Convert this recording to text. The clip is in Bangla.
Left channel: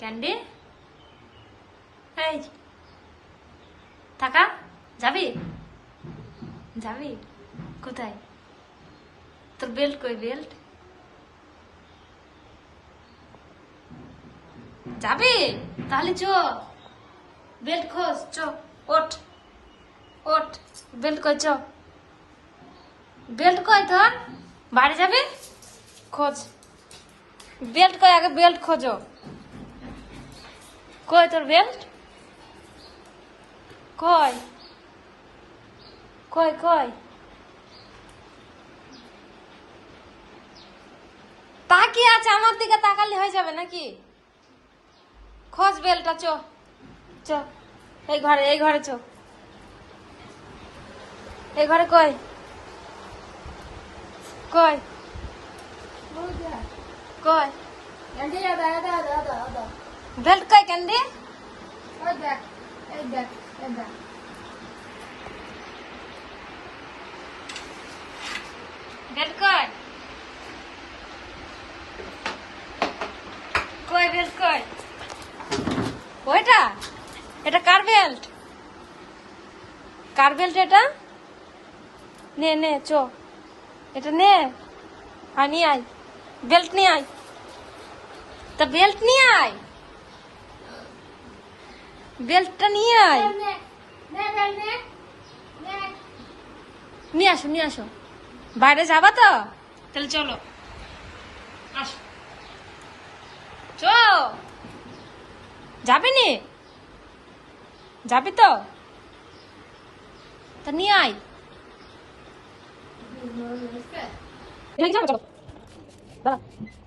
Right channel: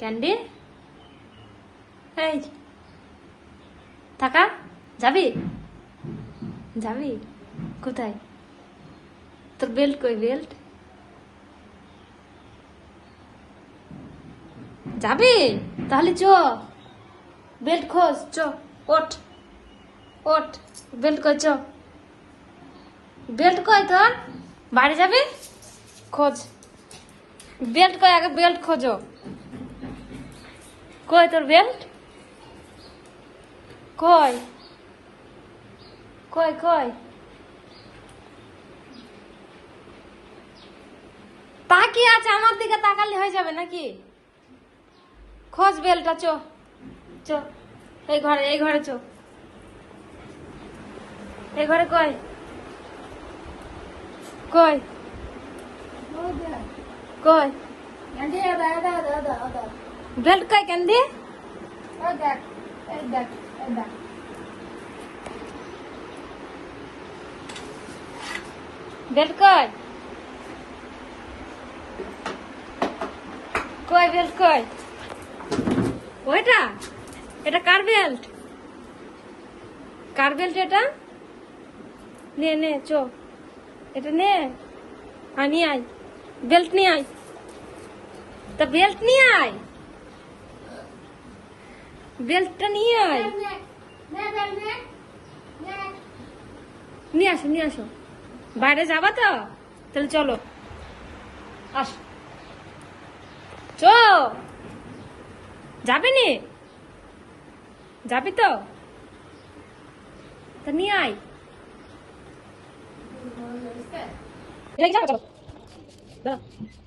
ক্যান্ডি এই থাকা যাবি যাবি কোথায় তোর বেল্ট কই বেল্ট যাবি তাহলে চ বেল্ট খোঁজ চ ওঠ ওঠ বেল্ট কই চ বেল্ট কই তোর বাড়ি যাবি খোঁজ বেল্ট কই আগে বেল্ট খোঁজো কই তোর বেল্ট কই কই কই তাকিয়ে আছে আমার দিকে তাকালে হয়ে যাবে নাকি খোঁজ বেল্টটা চ চ এই ঘরে চ এই ঘরে কই কই কই বেল্ট কই ক্যান্ডি বেল্ট কই কই বেল্ট কই ওইটা এটা কার বেল্ট এটা নে নে চো এটা নে আর নিয়ে আয় বেল্ট নিয়ে আয় তা বেল্ট নিয়ে আয় বেল্টটা নিয়ে আয় নিয়ে আসো বাইরে যাবা তো তাহলে চলো আসো চো যাবে নি যাবি তো তা নিয়ে আয় যাবো দাদা